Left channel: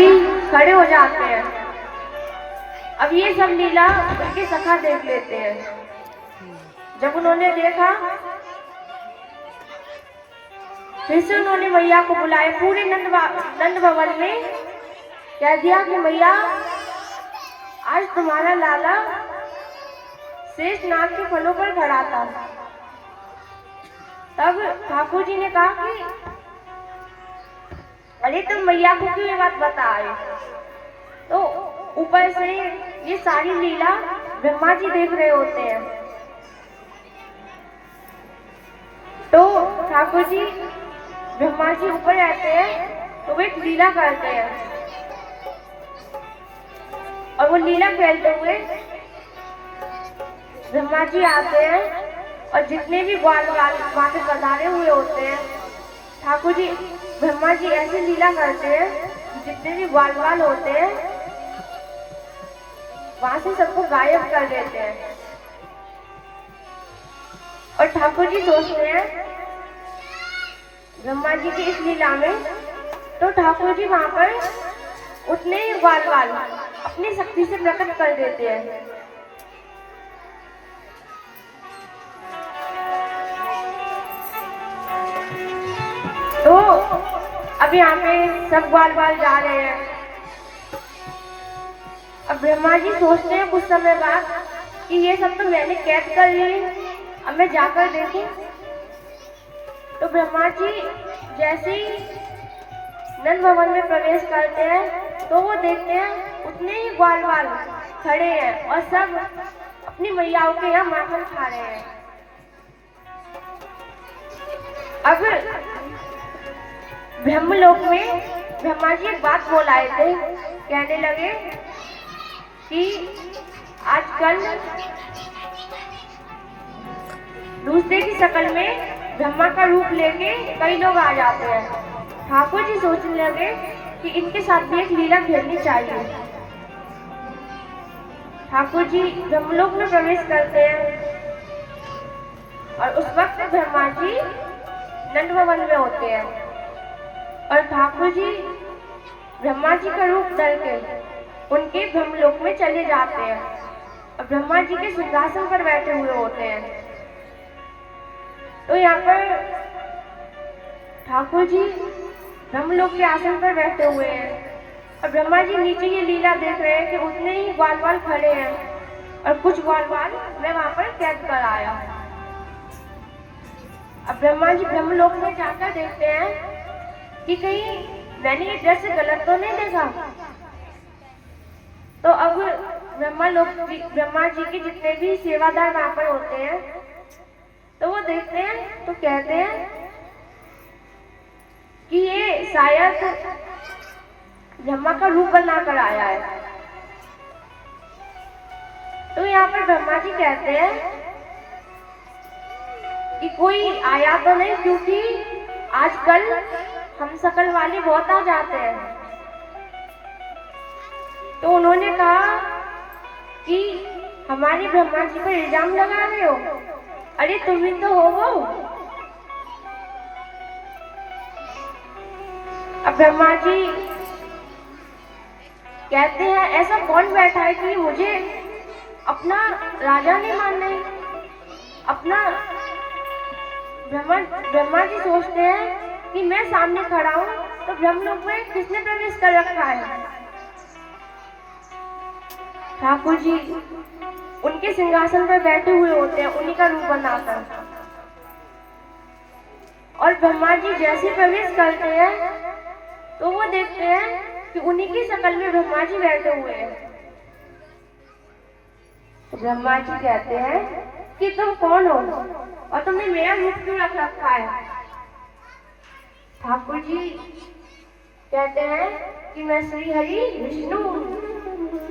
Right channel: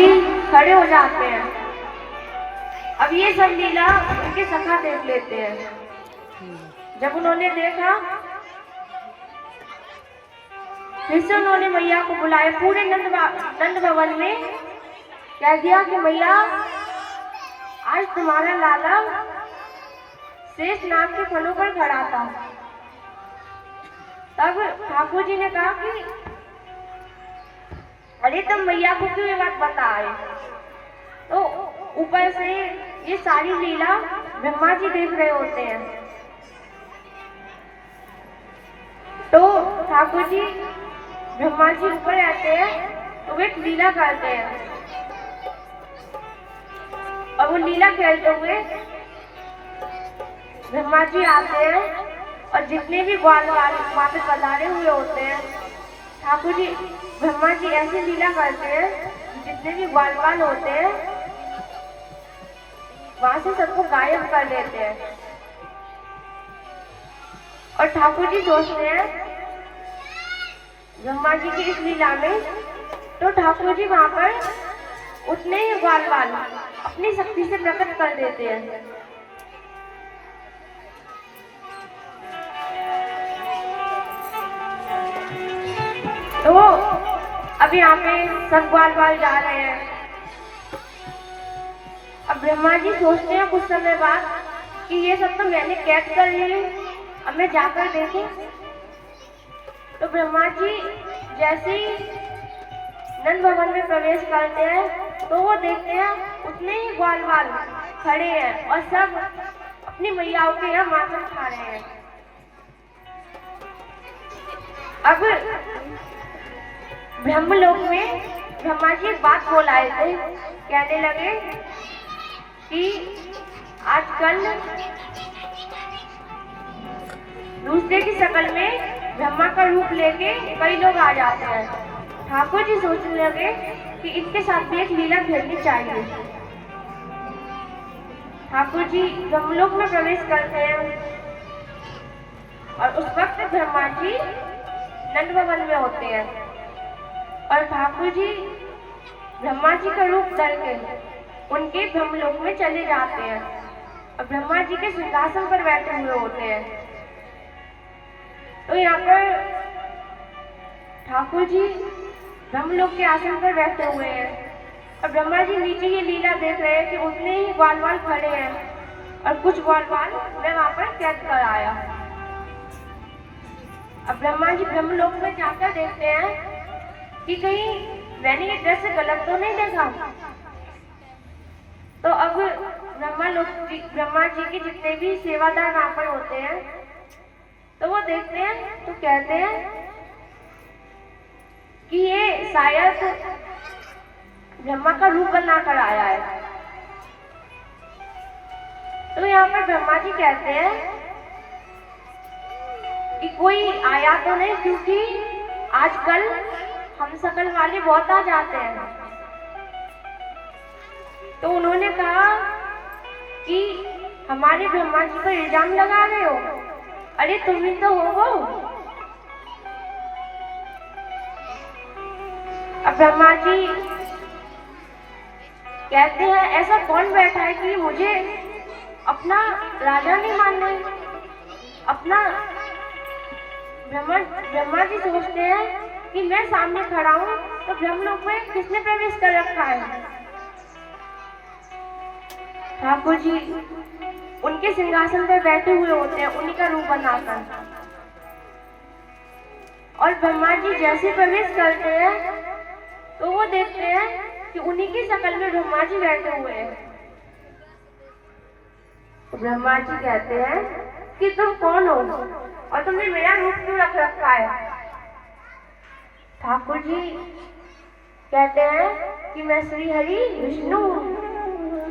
जी खड़े हो जाते हैं। अब ये सब लीला उनके सखा देख लेते हैं। जब उन्होंने देखा फिर से उन्होंने मैया को बुलाया पूरे नंद भवन में, कह दिया कि मैया आज तुम्हारा लाला शेष नाग के फलों पर खड़ा था। तब ठाकुर जी ने कहा कि अरे तुम मैया को क्यों ये बात बताए। तो ऊपर से ये सारी लीला ब्रह्मा जी देख रहे होते हैं। तो ठाकुर जी ब्रह्मा जी ऊपर रहते हैं तो वे एक लीला करते हैं और वो लीला खेलते हुए ब्रह्मा जी आते हैं और जितने भी ग्वाल वहां पे पधारे हुए होते हैं, ठाकुर जी ब्रह्मा जी ऐसी लीला करते हैं जितने भी ग्वाल होते हैं वहां से सबको गायब कर देते हैं। और ठाकुर जी सोचते हैं ब्रह्मा जी की इस लीला में, तो ठाकुर जी वहां पर उतने ही ग्वाल अपनी शक्ति से प्रकट कर देते हैं। तो अब यहाँ पे सब ग्वाल जा रहे हैं। अब ब्रह्मा जी सोचते हैं कुछ समय बाद कि ये सब तो मैंने कैद कर लिए, अब मैं जाकर देखूं। तो ब्रह्मा जी जैसे ही नंद भवन में प्रवेश करते हैं तो वो देखते हैं उतने ही ग्वाल खड़े हैं और सब अपनी मैयाओं के यहाँ माखन खा रहे हैं। अब ब्रह्मलोक में ब्रह्मा जी एक बात बोल आए थे, कहने लगे कि आजकल दूसरे की शक्ल में ब्रह्मा का रूप लेके कई लोग आ जाते हैं। ठाकुर जी सोचने लगे कि इनके साथ भी एक लीला खेलनी चाहिए। ठाकुर जी ब्रह्मलोक में प्रवेश करते हैं और उस वक्त ब्रह्मा जी नंद भवन में होते हैं और ठाकुर जी ब्रह्मा जी का रूप धर के उनके ब्रह्मलोक में चले जाते हैं और ब्रह्मा जी के सिंहासन पर बैठे हुए होते हैं। तो यहाँ पर ठाकुर जी ब्रह्मलोक के आसन पर बैठे हुए हैं और ब्रह्मा जी नीचे ये लीला देख रहे हैं कि उतने ही ग्वाल खड़े हैं और कुछ ग्वाल मैं वहां पर कैद कर आया। अब ब्रह्मा जी ब्रह्मलोक में जाकर देखते हैं कि कहीं मैंने ये दृश्य गलत तो नहीं देखा। तो अब ब्रह्मा जी के जितने भी सेवादार वहां पर होते हैं तो वो देखते हैं तो कहते हैं कि ये शायद ब्रह्मा का रूप बना कर आया है। तो यहाँ पर ब्रह्मा जी कहते हैं कि कोई आया तो नहीं, क्योंकि आजकल हम शकल वाले बहुत आ जाते हैं। तो उन्होंने कहा कि हमारे ब्रह्मा जी पर इल्जाम लगा रहे हो, अरे तुम ही तो हो वो। अब ब्रह्मा जी कहते हैं ऐसा कौन बैठा है कि मुझे अपना राजा नहीं मानने। अपना ब्रह्मा जी सोचते हैं कि मैं सामने खड़ा हूं तो ब्रह्मलोक में किसने प्रवेश कर रखा है। ठाकुर जी उनके सिंहासन पर बैठे हुए होते हैं उन्हीं का रूप बनाकर, और ब्रह्मा जी जैसे प्रवेश करते हैं तो वो देखते हैं कि उन्हीं की शक्ल में ब्रह्मा जी बैठे हुए हैं। तो ब्रह्मा जी कहते हैं कि तुम कौन हो और तुमने मेरा रूप क्यों रख रखा है। ठाकुर जी कहते हैं कि मैं श्री हरि विष्णु